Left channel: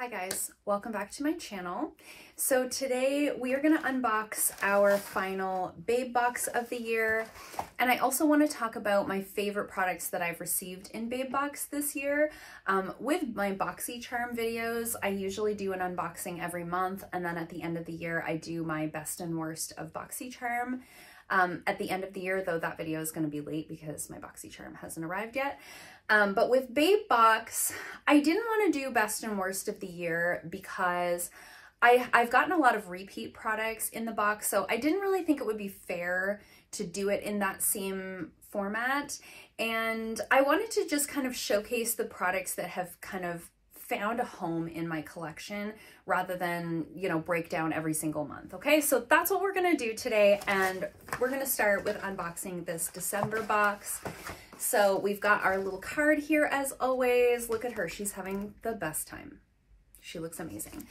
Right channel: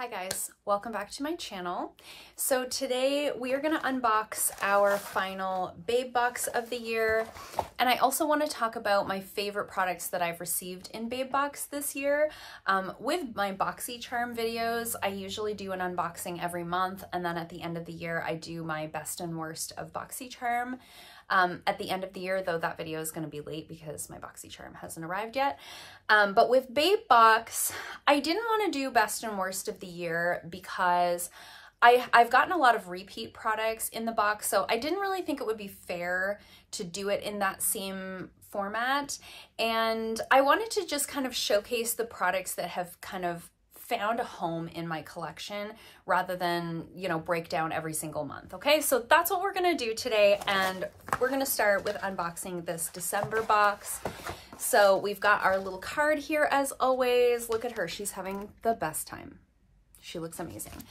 Hi guys, welcome back to my channel. So today we are going to unbox our final Babebox of the year, and I also want to talk about my favorite products that I've received in Babebox this year. With my BoxyCharm videos, I usually do an unboxing every month, and then at the end of the year I do my best and worst of BoxyCharm. At the end of the year, though, that video is going to be late because my BoxyCharm hasn't arrived yet. But with Babebox, I didn't want to do best and worst of the year because I've gotten a lot of repeat products in the box, so I didn't really think it would be fair to do it in that same format. And I wanted to just kind of showcase the products that have kind of found a home in my collection rather than, you know, break down every single month. Okay, so that's what we're gonna do today, and we're gonna start with unboxing this December box. So we've got our little card here as always. Look at her, she's having the best time. She looks amazing.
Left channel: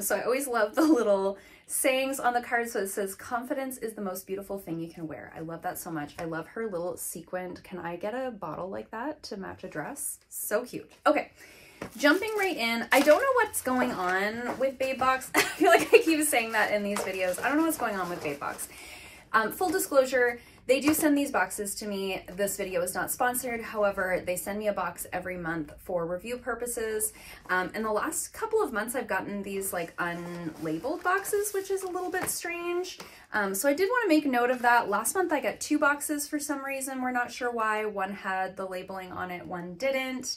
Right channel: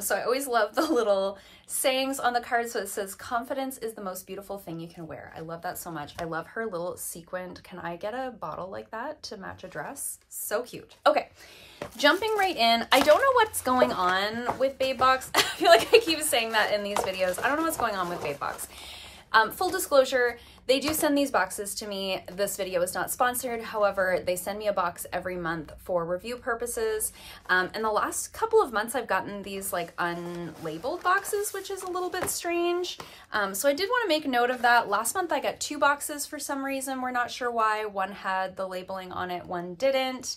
So I always love the little sayings on the card. So it says, confidence is the most beautiful thing you can wear. I love that so much. I love her little sequined. Can I get a bottle like that to match a dress? So cute. Okay. Jumping right in, I don't know what's going on with Babebox. I feel like I keep saying that in these videos. I don't know what's going on with Babebox. Full disclosure, they do send these boxes to me. This video is not sponsored. However, they send me a box every month for review purposes. In the last couple of months, I've gotten these like unlabeled boxes, which is a little bit strange. So I did want to make note of that. Last month, I got 2 boxes for some reason. We're not sure why. One had the labeling on it, one didn't.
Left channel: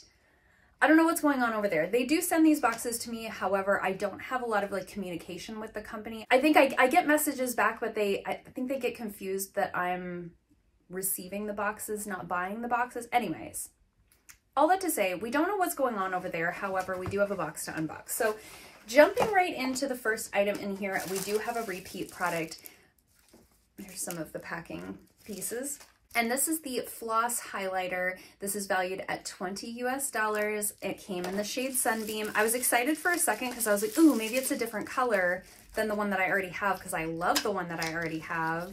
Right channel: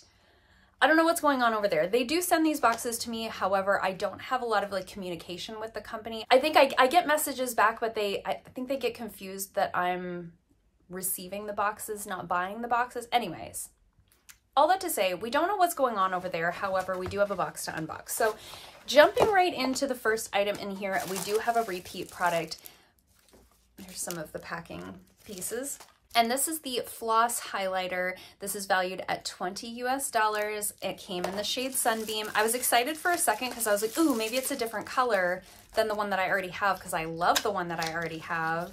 I don't know what's going on over there. They do send these boxes to me. However, I don't have a lot of like communication with the company. I think I get messages back, but I think they get confused that I'm receiving the boxes, not buying the boxes. Anyways, all that to say, we don't know what's going on over there. However, we do have a box to unbox. So jumping right into the first item in here, we do have a repeat product. Here's some of the packing pieces. And this is the Floss Highlighter. This is valued at $20 US. It came in the shade Sunbeam. I was excited for a second because I was like, ooh, maybe it's a different color than the one that I already have, because I love the one that I already have,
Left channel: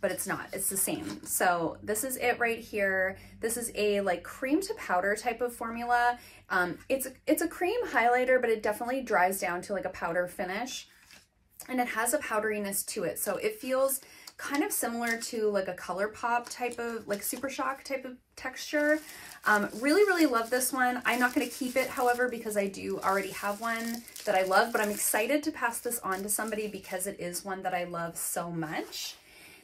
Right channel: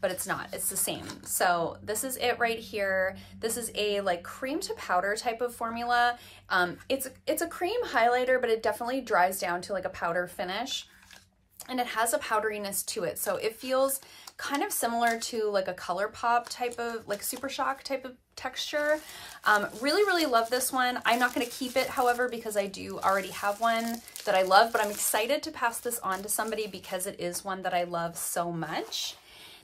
but it's not, it's the same. So this is it right here. This is a like cream to powder type of formula. It's a cream highlighter, but it definitely dries down to like a powder finish, and it has a powderiness to it. So it feels kind of similar to like a ColourPop type of, like Super Shock type of texture. Really love this one. I'm not going to keep it, however, because I do already have one that I love, but I'm excited to pass this on to somebody because it is one that I love so much.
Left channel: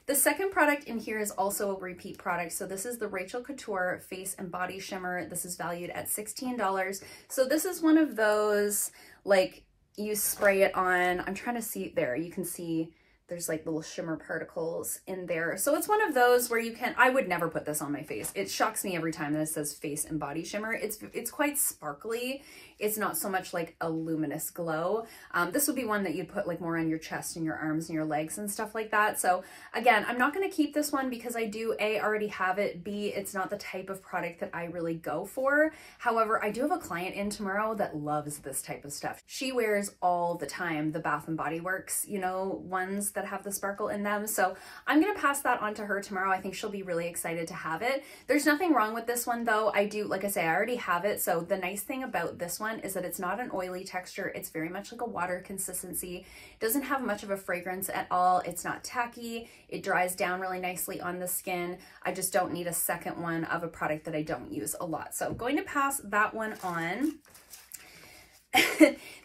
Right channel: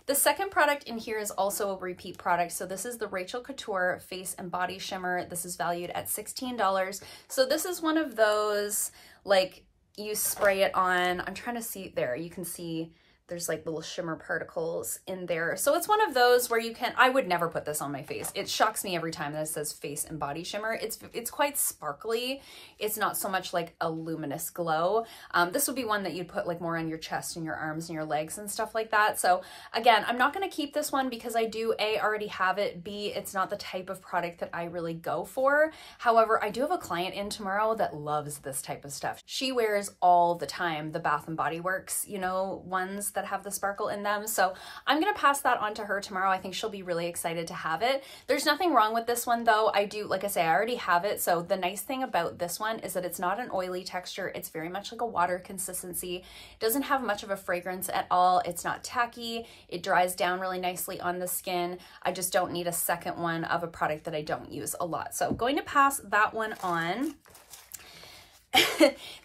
The second product in here is also a repeat product. So this is the Rachel Couture Face and Body Shimmer. This is valued at $16. So this is one of those, like, you spray it on, I'm trying to see there, you can see there's like little shimmer particles in there. So it's one of those where you can, I would never put this on my face. It shocks me every time that it says face and body shimmer. It's quite sparkly. It's not so much like a luminous glow. This would be one that you'd put like more on your chest and your arms and your legs and stuff like that. So again, I'm not going to keep this one because I do A, already have it, B, it's not the type of product that I really go for. However, I do have a client in tomorrow that loves this type of stuff. She wears all the time the Bath and Body Works, you know, ones that have the sparkle in them. So I'm going to pass that on to her tomorrow. I think she'll be really excited to have it. There's nothing wrong with this one though. I do, like I say, I already have it. So the nice thing about this one is that it's not an oily texture. It's very much like a water consistency. It doesn't have much of a fragrance at all. It's not tacky. It dries down really nicely on the skin. I just don't need a second one of a product that I don't use a lot. So I'm going to pass that one on.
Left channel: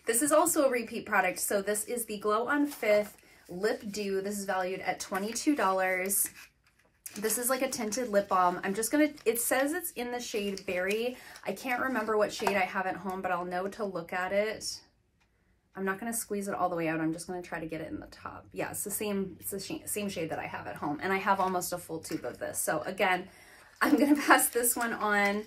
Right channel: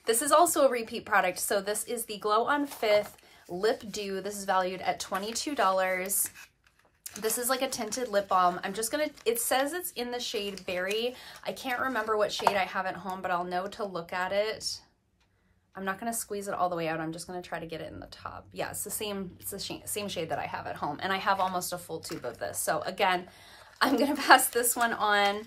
This is also a repeat product. So this is the Glow on Fifth Lip Dew. This is valued at $22. This is like a tinted lip balm. I'm just gonna, it says it's in the shade Berry. I can't remember what shade I have at home, but I'll know to look at it. I'm not gonna squeeze it all the way out. I'm just gonna try to get it in the top. Yeah, it's the same shade that I have at home, and I have almost a full tube of this. So again, I'm gonna pass this one on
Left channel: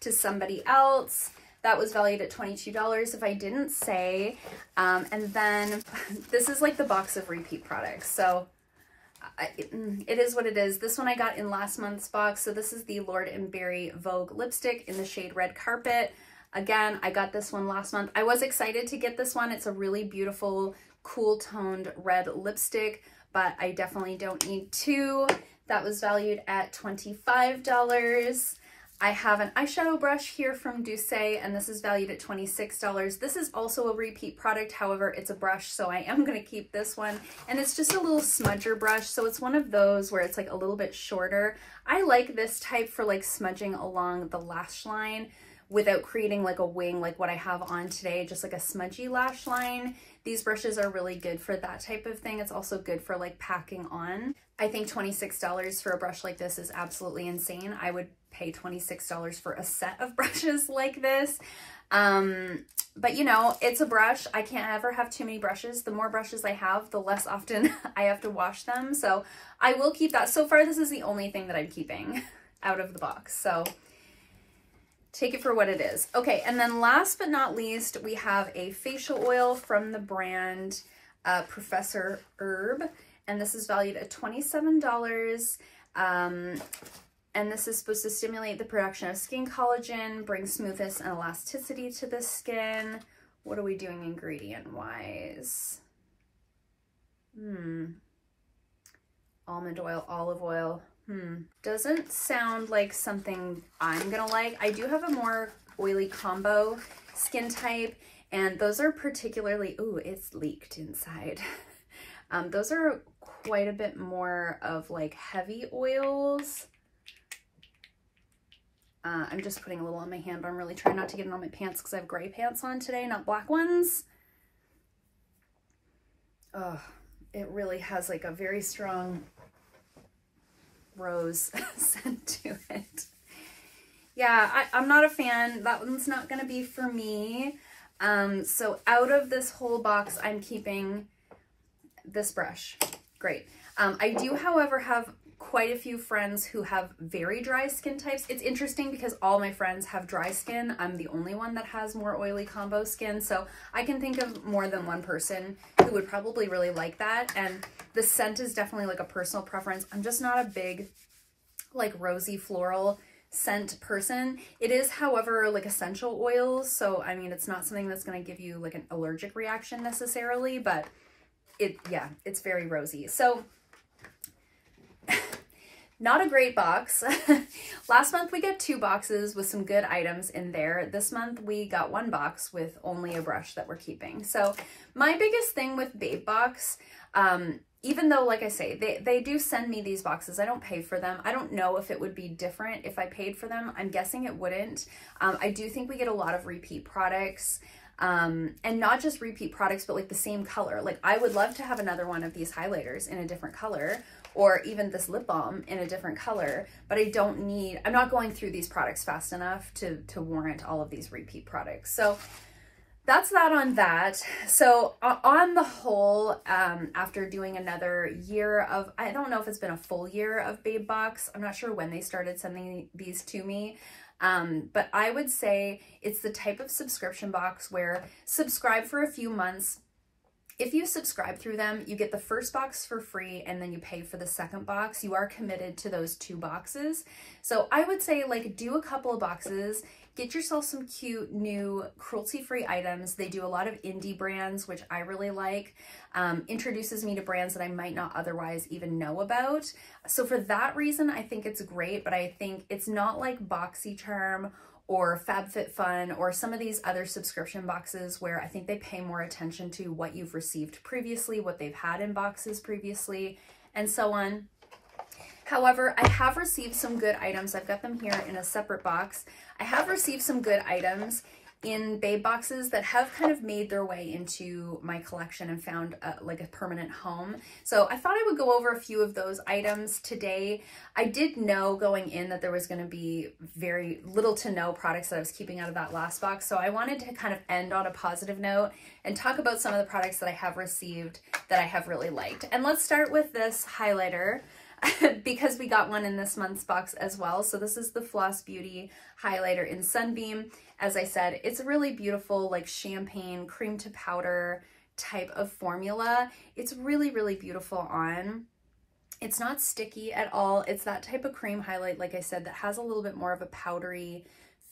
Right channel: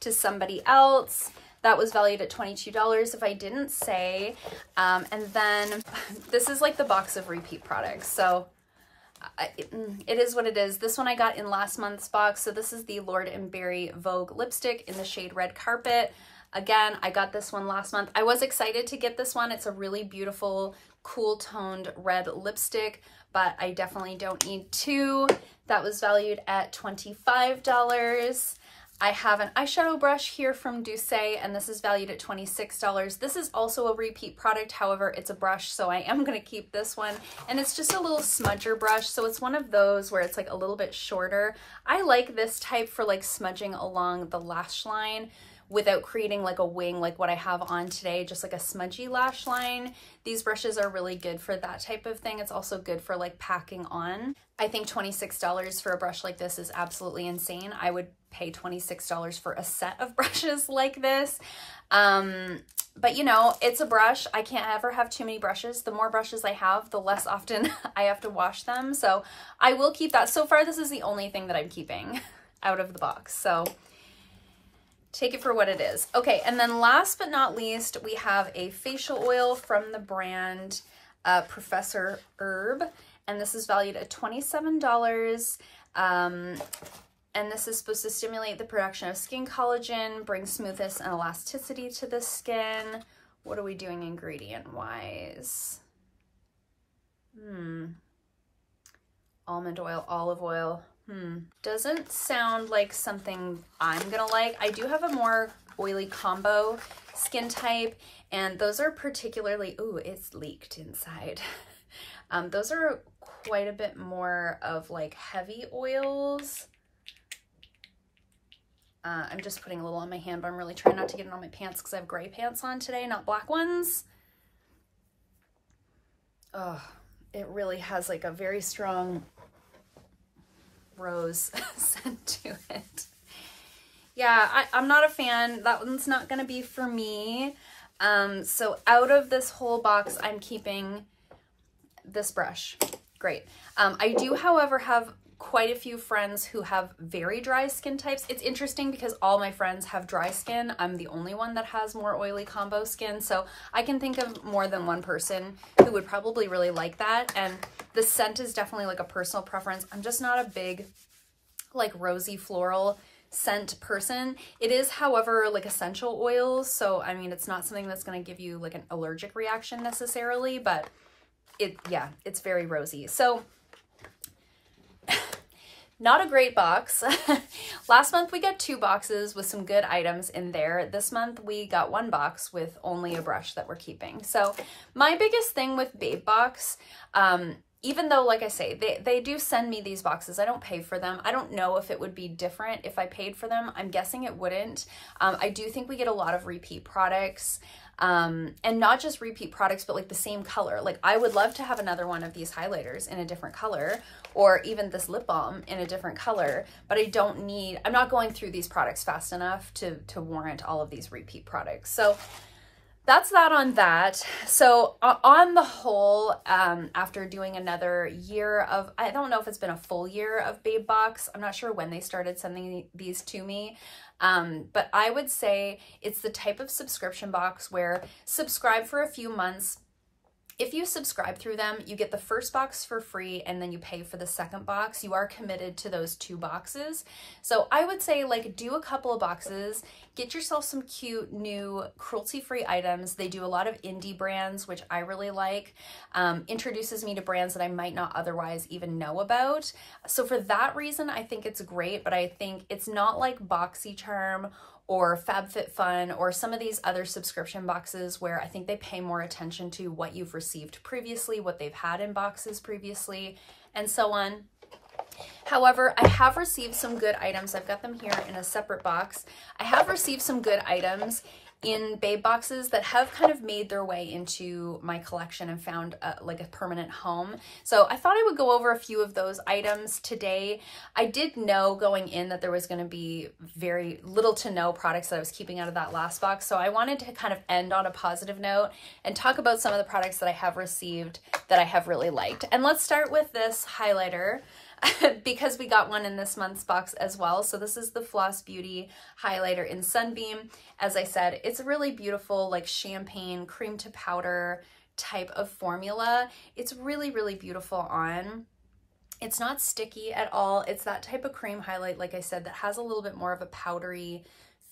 to somebody else. That was valued at $22 if I didn't say. And then this is like the box of repeat products. So it is what it is. This one I got in last month's box. So this is the Lord & Berry Vogue lipstick in the shade Red Carpet. Again, I got this one last month. I was excited to get this one. It's a really beautiful, cool toned red lipstick, but I definitely don't need 2. That was valued at $25. I have an eyeshadow brush here from Doucet, and this is valued at $26. This is also a repeat product. However, it's a brush, so I am going to keep this one. And it's just a little smudger brush. So it's one of those where it's like a little bit shorter. I like this type for like smudging along the lash line without creating like a wing like what I have on today, just like a smudgy lash line. These brushes are really good for that type of thing. It's also good for like packing on. I think $26 for a brush like this is absolutely insane. I would pay $26 for a set of brushes like this. But you know, it's a brush. I can't ever have too many brushes. The more brushes I have, the less often I have to wash them. So I will keep that. So far, this is the only thing that I'm keeping out of the box. So take it for what it is. Okay, and then last but not least, we have a facial oil from the brand Professor Herb, and this is valued at $27. And this is supposed to stimulate the production of skin collagen, bring smoothness and elasticity to the skin. What are we doing ingredient-wise? Almond oil, olive oil. Doesn't sound like something I'm gonna like. I do have a more oily combo skin type, and those are particularly, ooh, it's leaked inside. Those are quite a bit more of like heavy oils. I'm just putting a little on my hand, but I'm really trying not to get it on my pants because I have gray pants on today, not black ones. Oh, it really has like a very strong rose scent to it. Yeah, I'm not a fan. That one's not gonna be for me. So out of this whole box, I'm keeping this brush. Great. I do, however, have quite a few friends who have very dry skin types. It's interesting because all my friends have dry skin. I'm the only one that has more oily combo skin. So I can think of more than one person who would probably really like that. And the scent is definitely like a personal preference. I'm just not a big like rosy floral scent person. It is, however, like essential oils. So, I mean, it's not something that's going to give you like an allergic reaction necessarily, but yeah, it's very rosy. So not a great box. Last month we got 2 boxes with some good items in there. This month we got 1 box with only a brush that we're keeping. So my biggest thing with Babebox, even though, like I say, they do send me these boxes, I don't pay for them. I don't know if it would be different if I paid for them. I'm guessing it wouldn't. I do think we get a lot of repeat products. And not just repeat products, but like the same color. Like I would love to have another one of these highlighters in a different color, or even this lip balm in a different color, but I'm not going through these products fast enough to warrant all of these repeat products. So that's that on that. So on the whole, after doing another year of, I don't know if it's been a full year of Babebox. I'm not sure when they started sending these to me. But I would say it's the type of subscription box where subscribe for a few months. If you subscribe through them, you get the first box for free and then you pay for the second box. You are committed to those 2 boxes. So I would say like do a couple of boxes, get yourself some cute new cruelty-free items. They do a lot of indie brands, which I really like. Introduces me to brands that I might not otherwise even know about. So for that reason, I think it's great, but I think it's not like BoxyCharm or FabFitFun or some of these other subscription boxes where I think they pay more attention to what you've received previously, what they've had in boxes previously, and so on. However, I have received some good items. I've got them here in a separate box. I have received some good items in Babe boxes that have kind of made their way into my collection and found like a permanent home. So I thought I would go over a few of those items today. I did know going in that there was going to be very little to no products that I was keeping out of that last box. So I wanted to kind of end on a positive note and talk about some of the products that I have received that I have really liked. And let's start with this highlighter. Because we got one in this month's box as well. So this is the Floss Beauty highlighter in Sunbeam. As I said, it's a really beautiful like champagne cream to powder type of formula. It's really, really beautiful on. It's not sticky at all. It's that type of cream highlight, like I said, that has a little bit more of a powdery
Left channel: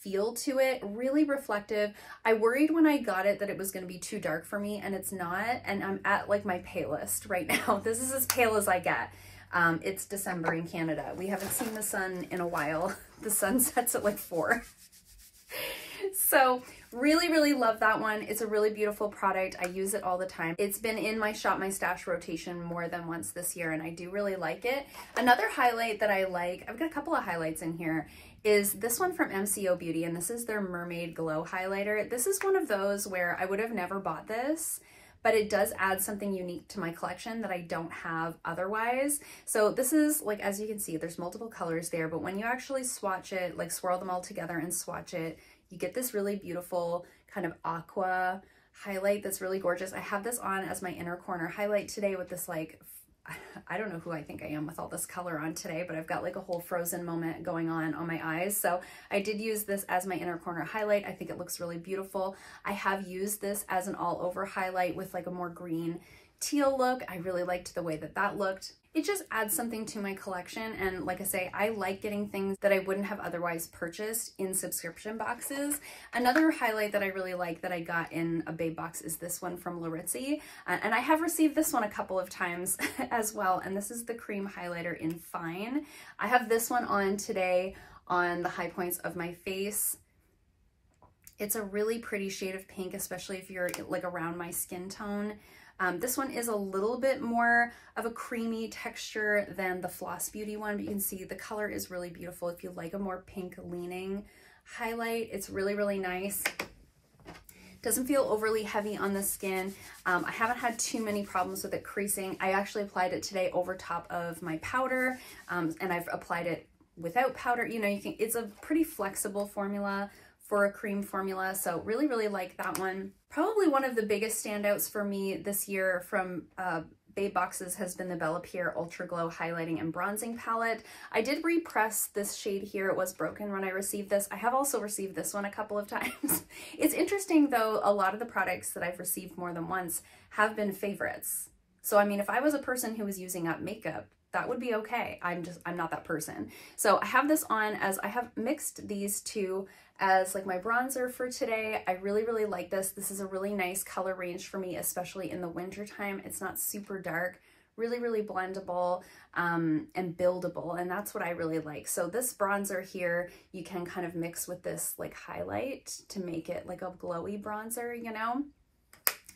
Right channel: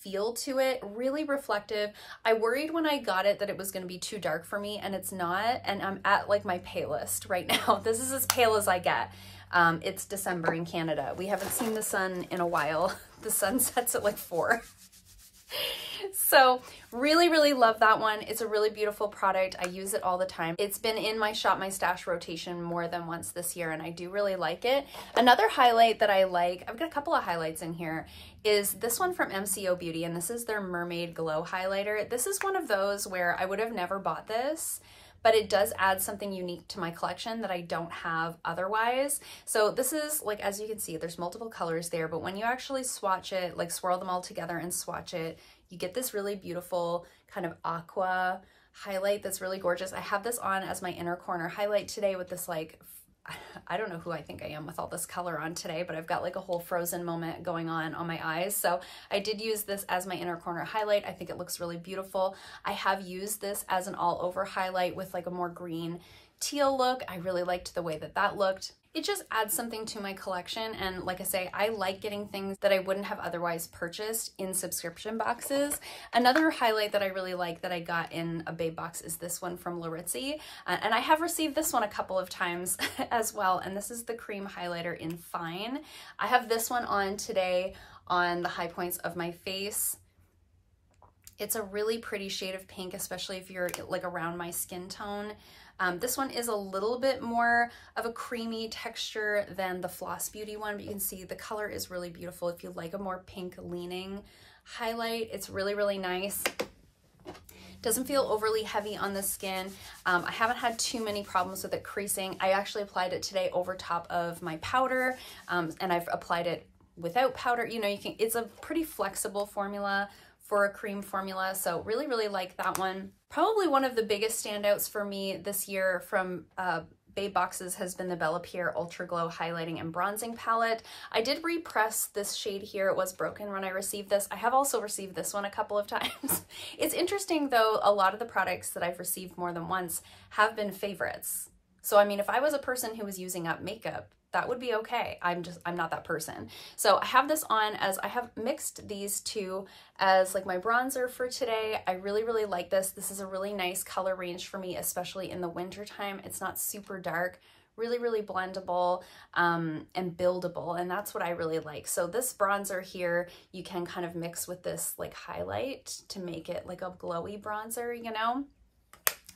feel to it, really reflective. I worried when I got it that it was going to be too dark for me, and it's not. And I'm at like my palest right now. This is as pale as I get. It's December in Canada. We haven't seen the sun in a while. the sun sets at like 4. So really, really love that one. It's a really beautiful product. I use it all the time. It's been in my Shop My Stash rotation more than once this year, and I do really like it. Another highlight that I like, I've got a couple of highlights in here, is this one from MCO Beauty, and this is their Mermaid Glow Highlighter. This is one of those where I would have never bought this, but it does add something unique to my collection that I don't have otherwise. So this is, like, as you can see, there's multiple colors there, but when you actually swatch it, like swirl them all together and swatch it, you get this really beautiful kind of aqua highlight that's really gorgeous. I have this on as my inner corner highlight today with this, like, I don't know who I think I am with all this color on today, but I've got like a whole Frozen moment going on my eyes. So I did use this as my inner corner highlight. I think it looks really beautiful. I have used this as an all over highlight with like a more green teal look. I really liked the way that that looked. It just adds something to my collection, and like I say, I like getting things that I wouldn't have otherwise purchased in subscription boxes. Another highlight that I really like that I got in a Babe box is this one from Laritzi, and I have received this one a couple of times as well, and this is the cream highlighter in Fine. I have this one on today on the high points of my face. It's a really pretty shade of pink, especially if you're like around my skin tone. This one is a little bit more of a creamy texture than the Floss Beauty one, but you can see the color is really beautiful. If you like a more pink leaning highlight, it's really, really nice. Doesn't feel overly heavy on the skin. I haven't had too many problems with it creasing. I actually applied it today over top of my powder, and I've applied it without powder. You know, it's a pretty flexible formula for a cream formula, so really, really like that one. Probably one of the biggest standouts for me this year from Babe boxes has been the Bella Pierre Ultra Glow Highlighting and Bronzing Palette. I did repress this shade here. It was broken when I received this. I have also received this one a couple of times. It's interesting though, a lot of the products that I've received more than once have been favorites. So I mean, if I was a person who was using up makeup, that would be okay. I'm not that person. So I have this on as I have mixed these two as like my bronzer for today. I really, really like this. This is a really nice color range for me, especially in the winter time. It's not super dark, really, really blendable and buildable. And that's what I really like. So this bronzer here, you can kind of mix with this like highlight to make it like a glowy bronzer, you know?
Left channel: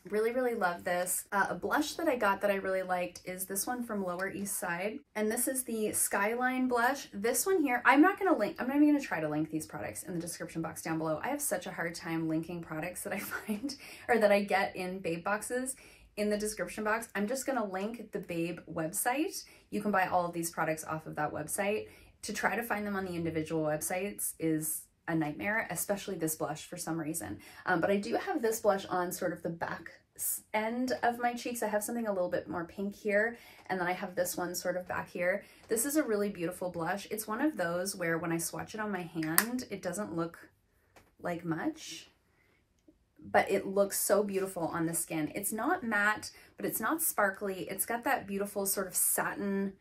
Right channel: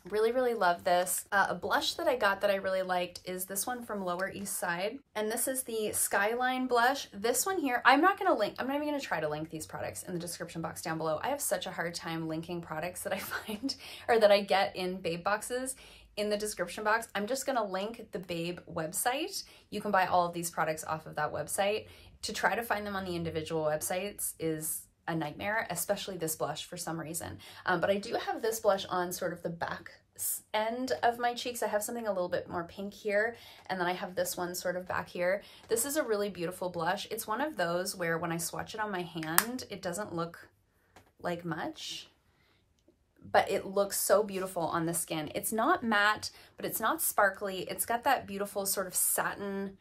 Really, really love this. A blush that I got that I really liked is this one from Lower East Side. And this is the Skyline blush. This one here, I'm not even gonna try to link these products in the description box down below. I have such a hard time linking products that I find, or that I get in Babe boxes in the description box. I'm just gonna link the Babe website. You can buy all of these products off of that website. To try to find them on the individual websites is a nightmare, especially this blush for some reason. But I do have this blush on sort of the back end of my cheeks. I have something a little bit more pink here, and then I have this one sort of back here. This is a really beautiful blush. It's one of those where when I swatch it on my hand, it doesn't look like much, but it looks so beautiful on the skin. It's not matte, but it's not sparkly. It's got that beautiful sort of satin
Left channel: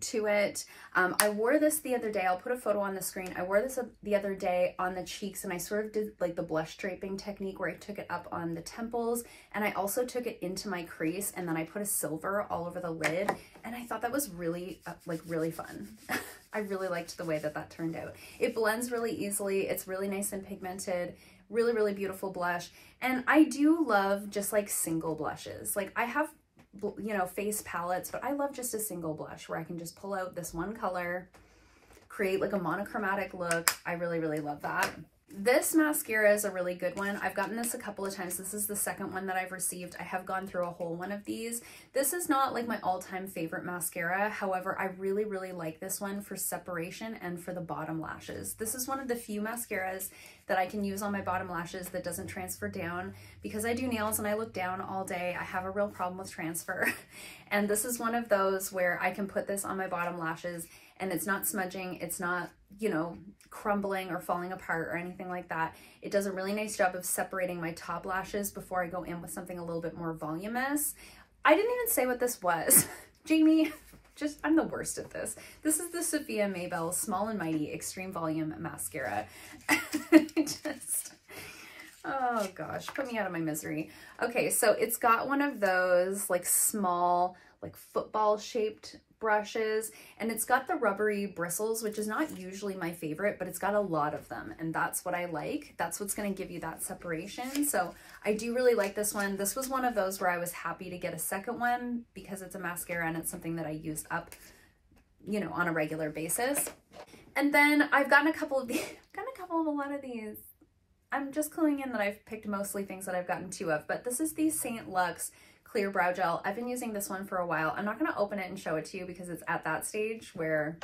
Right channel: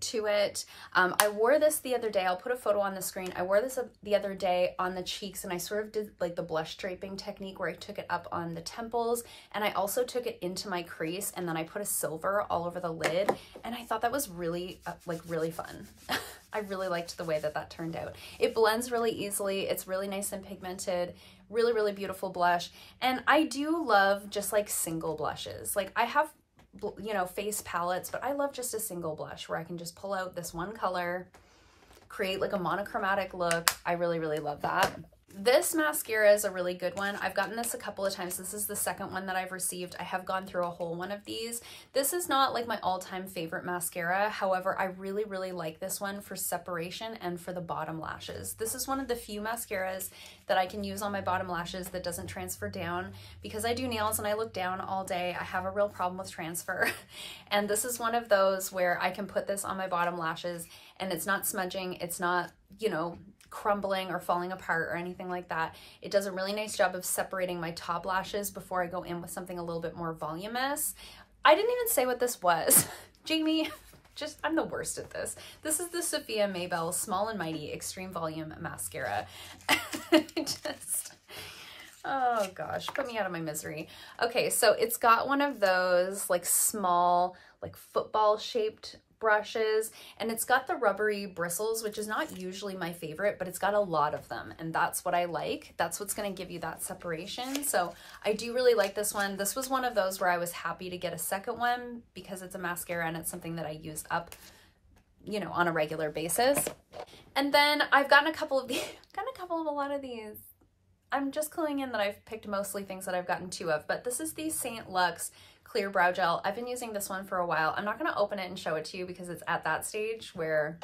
to it. I wore this the other day. I'll put a photo on the screen. I wore this the other day on the cheeks, and I sort of did like the blush draping technique where I took it up on the temples, and I also took it into my crease, and then I put a silver all over the lid, and I thought that was really really fun. I really liked the way that that turned out. It blends really easily. It's really nice and pigmented. Really, really beautiful blush. And I do love just like single blushes. Like I have, you know, face palettes, but I love just a single blush where I can just pull out this one color, create like a monochromatic look. I really, really love that. This mascara is a really good one. I've gotten this a couple of times. This is the second one that I've received. I have gone through a whole one of these. This is not like my all-time favorite mascara. However, I really, really like this one for separation and for the bottom lashes. This is one of the few mascaras that I can use on my bottom lashes that doesn't transfer down. Because I do nails and I look down all day, I have a real problem with transfer. And this is one of those where I can put this on my bottom lashes and it's not smudging, it's not, you know, crumbling or falling apart or anything like that. It does a really nice job of separating my top lashes before I go in with something a little bit more voluminous. I didn't even say what this was. Jamie, I'm the worst at this. This is the Sophia Maybell Small and Mighty Extreme Volume Mascara. Oh gosh, put me out of my misery. Okay, so it's got one of those like small, like football shaped brushes, and it's got the rubbery bristles, which is not usually my favorite, but it's got a lot of them, and that's what I like. That's what's going to give you that separation. So I do really like this one. This was one of those where I was happy to get a second one because it's a mascara and it's something that I use up, you know, on a regular basis. And then I've gotten a couple of these, a lot of these. I'm just cluing in that I've picked mostly things that I've gotten 2 of, but this is the St. Luxe Clear Brow Gel. I've been using this one for a while. I'm not going to open it and show it to you because it's at that stage where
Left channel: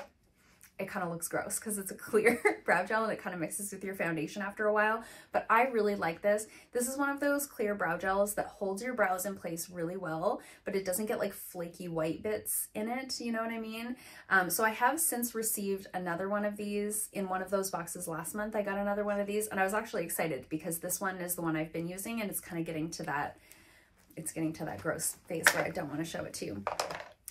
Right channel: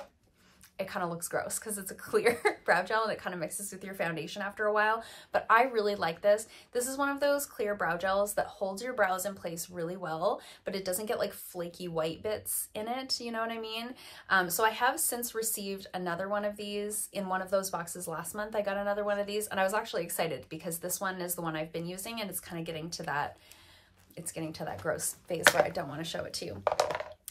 it kind of looks gross because it's a clear brow gel and it kind of mixes with your foundation after a while. But I really like this. This is one of those clear brow gels that holds your brows in place really well, but it doesn't get like flaky white bits in it. You know what I mean? So I have since received another one of these in one of those boxes last month. I got another one of these and I was actually excited because this one is the one I've been using and it's kind of getting to that, it's getting to that gross phase where I don't want to show it to you.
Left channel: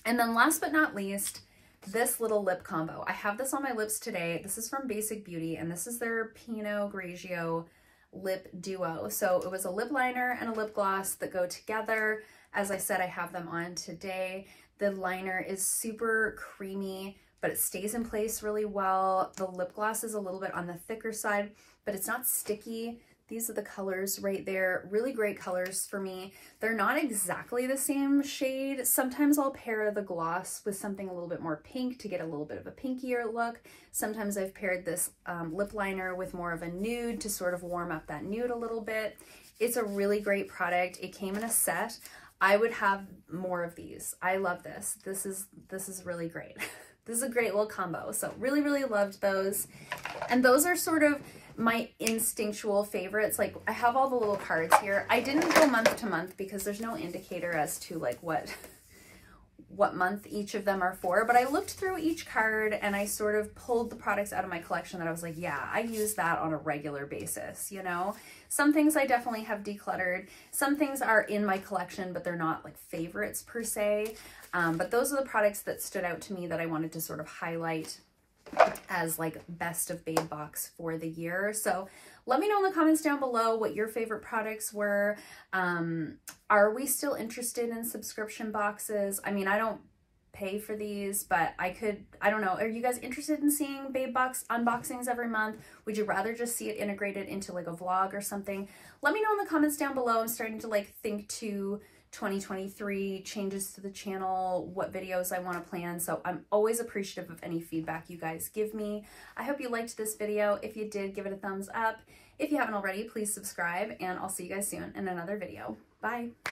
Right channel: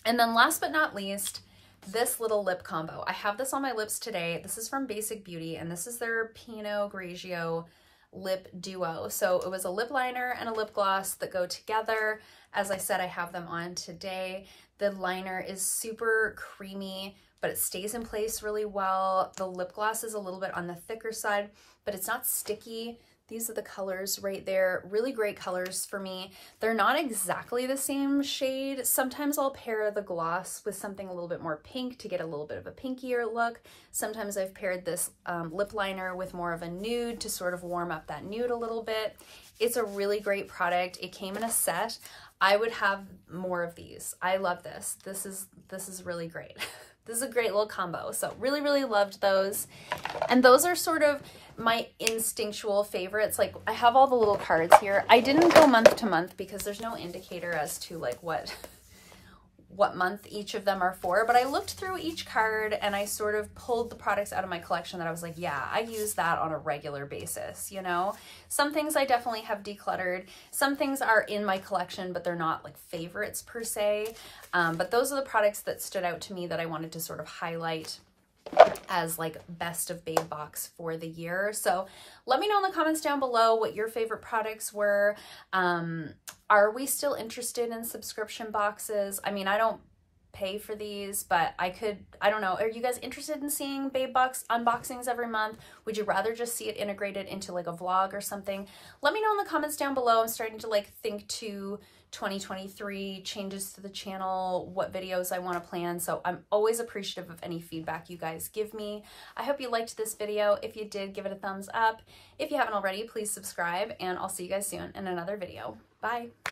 And then last but not least, this little lip combo. I have this on my lips today. This is from Basic Beauty and this is their Pinot Grigio lip duo. So it was a lip liner and a lip gloss that go together. As I said, I have them on today. The liner is super creamy, but it stays in place really well. The lip gloss is a little bit on the thicker side, but it's not sticky. These are the colors right there. Really great colors for me. They're not exactly the same shade. Sometimes I'll pair the gloss with something a little bit more pink to get a little bit of a pinkier look. Sometimes I've paired this lip liner with more of a nude to sort of warm up that nude a little bit. It's a really great product. It came in a set. I would have more of these. I love this. This is really great. This is a great little combo. So really, really loved those. And those are sort of my instinctual favorites. Like I have all the little cards here. I didn't go month to month because there's no indicator as to like what month each of them are for, but I looked through each card and I sort of pulled the products out of my collection that I was like, yeah, I use that on a regular basis, you know? Some things I definitely have decluttered. Some things are in my collection, but they're not like favorites per se. But those are the products that stood out to me that I wanted to sort of highlight as like best of Babebox for the year. So let me know in the comments down below what your favorite products were. Are we still interested in subscription boxes? I mean, I don't pay for these, but I don't know. Are you guys interested in seeing Babebox unboxings every month? Would you rather just see it integrated into like a vlog or something? Let me know in the comments down below. I'm starting to like think to 2023 changes to the channel, what videos I want to plan. So I'm always appreciative of any feedback you guys give me. I hope you liked this video. If you did, give it a thumbs up. If you haven't already, please subscribe and I'll see you guys soon in another video. Bye.